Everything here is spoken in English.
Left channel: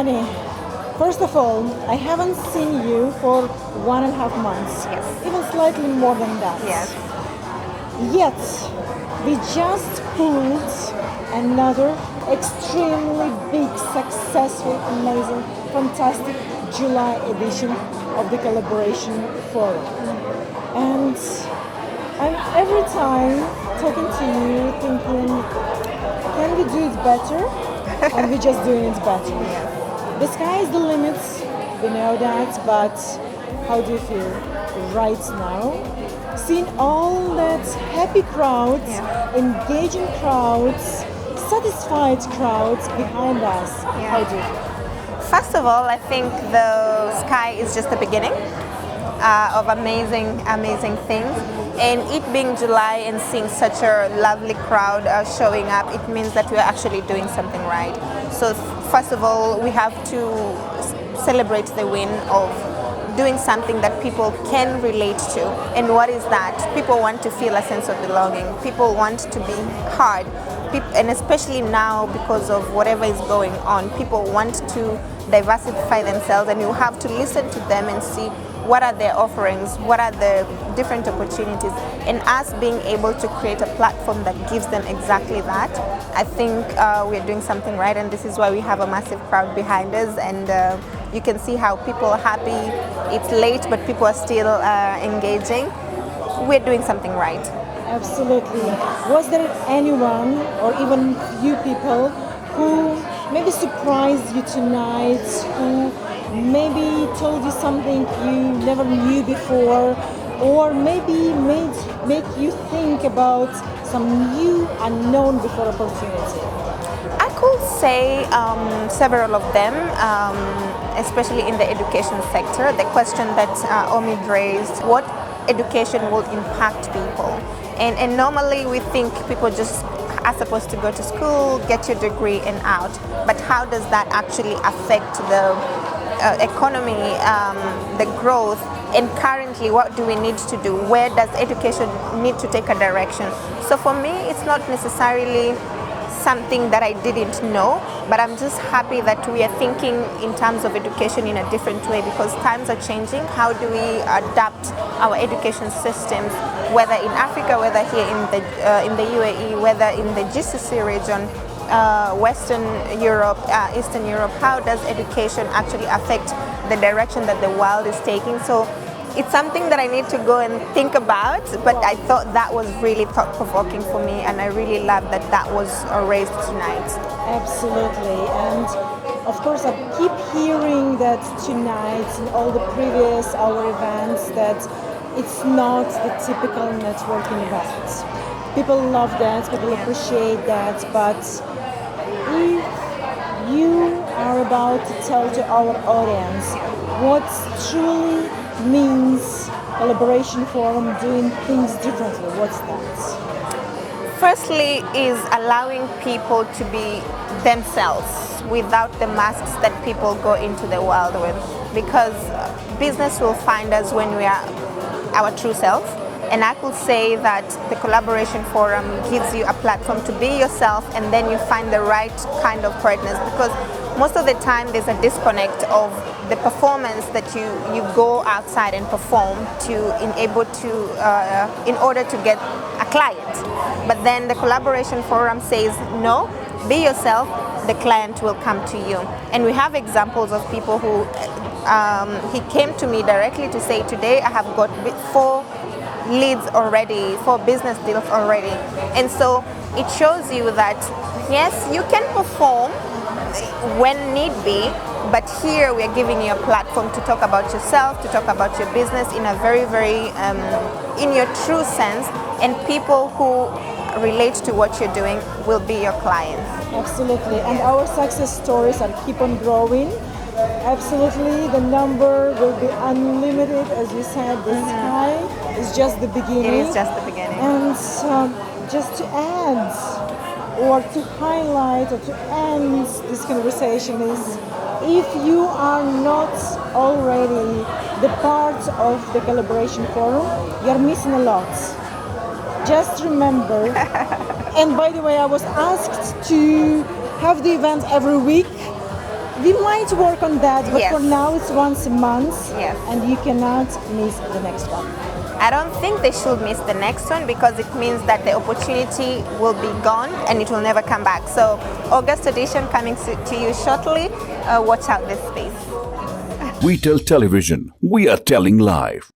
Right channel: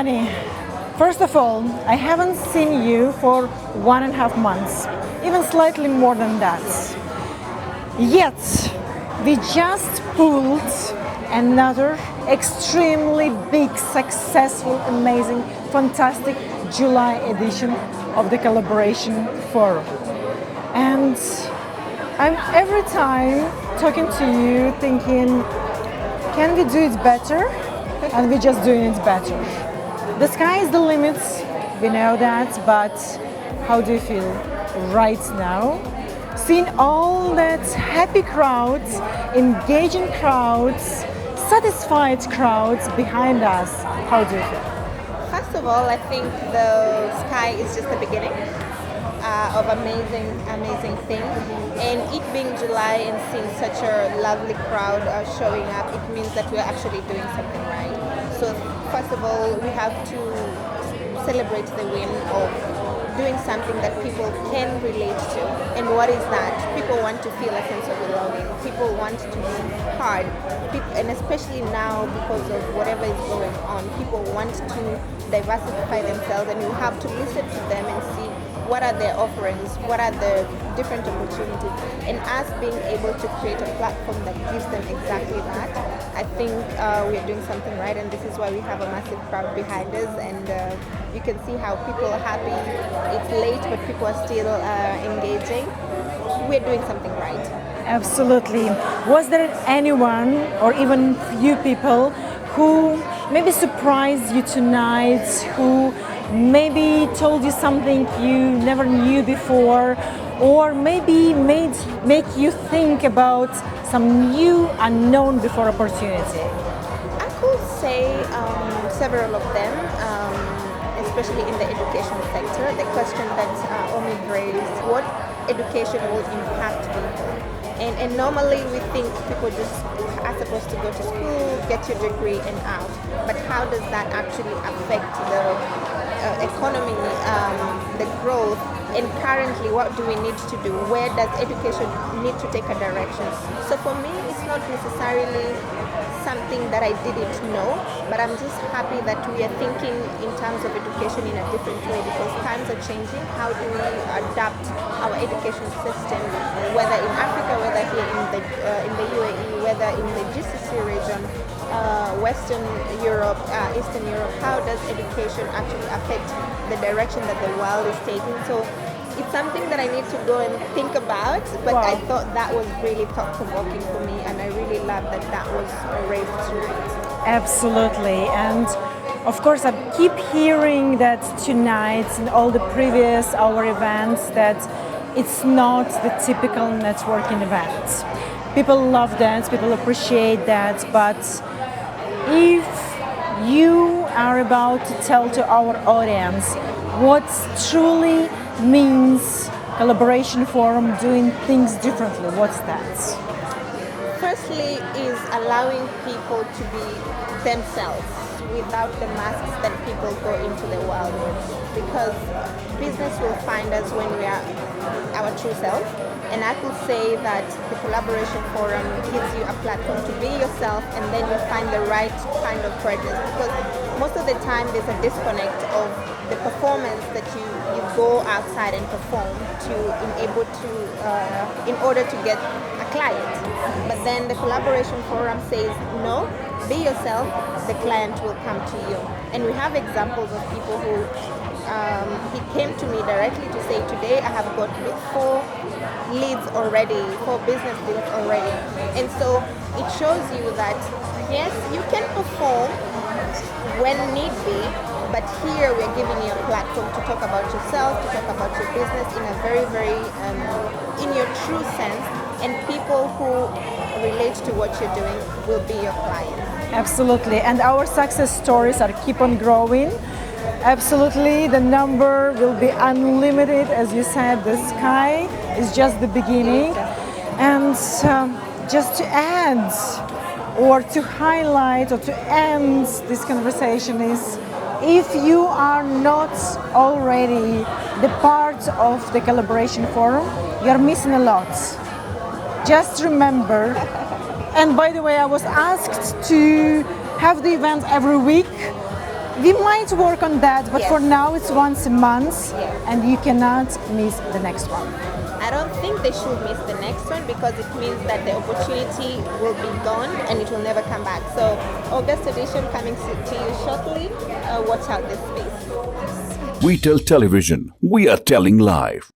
Amani, first of all, I haven't seen you for 1.5 months, even slightly more than that. Yet, we just pulled another extremely big, successful, amazing, fantastic July edition of the Collaboration Forum. And I'm every time talking to you thinking, can we do it better? And we're just doing it better. The sky is the limit, we know that, but how do you feel right now? Seeing all that happy crowds, engaging crowds, satisfied crowds behind us, how do you feel? First of all, I think the sky is just the beginning of amazing things. And it being July and seeing such a lovely crowd showing up, it means that we're actually doing something right. So first of all, we have to celebrate the win of doing something that people can relate to. And what is that? People want to feel a sense of belonging. People want to be heard. And especially now, because of whatever is going on, people want to diversify themselves, and you have to listen to them and see what are their offerings, what are the different opportunities, and us being able to create a platform that gives them exactly that. I think we're doing something right, and this is why we have a massive crowd behind us, and you can see how people are happy. It's late, but people are still engaging. We're doing something right. Absolutely. Was there anyone or even few people who maybe surprised you tonight, who maybe told you something you never knew before, or maybe make you think about some new unknown before opportunity? I could say several of them, especially in the education sector. The question that Omid raised, what education will impact people? And normally we think people just are supposed to go to school, get your degree and out. But how does that actually affect the economy, the growth? And currently, what do we need to do? Where does education need to take a direction? So for me, it's not necessarily something that I didn't know, but I'm just happy that we are thinking in terms of education in a different way, because times are changing. How do we adapt our education systems, whether in Africa, whether here in the UAE, whether in the GCC region, Western Europe, Eastern Europe? How does education actually affect the direction that the world is taking? So it's something that I need to go and think about, but I thought that was really thought-provoking for me, and I really love that that was raised tonight. Absolutely. And of course, I keep hearing that tonight and all the previous our events that it's not the typical networking event. People love that, people appreciate that, but if you are about to tell to our audience what truly means Collaboration Forum doing things differently, what's that? Firstly is allowing people to be themselves without the masks that people go into the world with, because business will find us when we are our true self. And I could say that the Collaboration Forum gives you a platform to be yourself, and then you find the right kind of partners, because most of the time there's a disconnect of the performance that you go outside and perform in order to get a client. But then the Collaboration Forum says, no, be yourself, the client will come to you. And we have examples of people who he came to me directly to say, today I have got 4 leads already, 4 business deals already. And so it shows you that yes, you can perform when need be, but here we're giving you a platform to talk about yourself, to talk about your business in a very, in your true sense, and people who relate to what you're doing will be your clients. Absolutely, and our success stories are keep on growing. Absolutely, the number will be unlimited. As you said, the sky is just the beginning. It is just the beginning. And just to add, or to highlight, or to end this conversation is, if you are not already the part of the Collaboration Forum, you're missing a lot. Just remember, and by the way, I was asked to have the event every week. We might work on that, but Yes. for now it's once a month, Yes. and you cannot miss the next one. I don't think they should miss the next one because it means that the opportunity will be gone and it will never come back. So August edition coming to you shortly. Watch out this space. We tell television, we are telling live.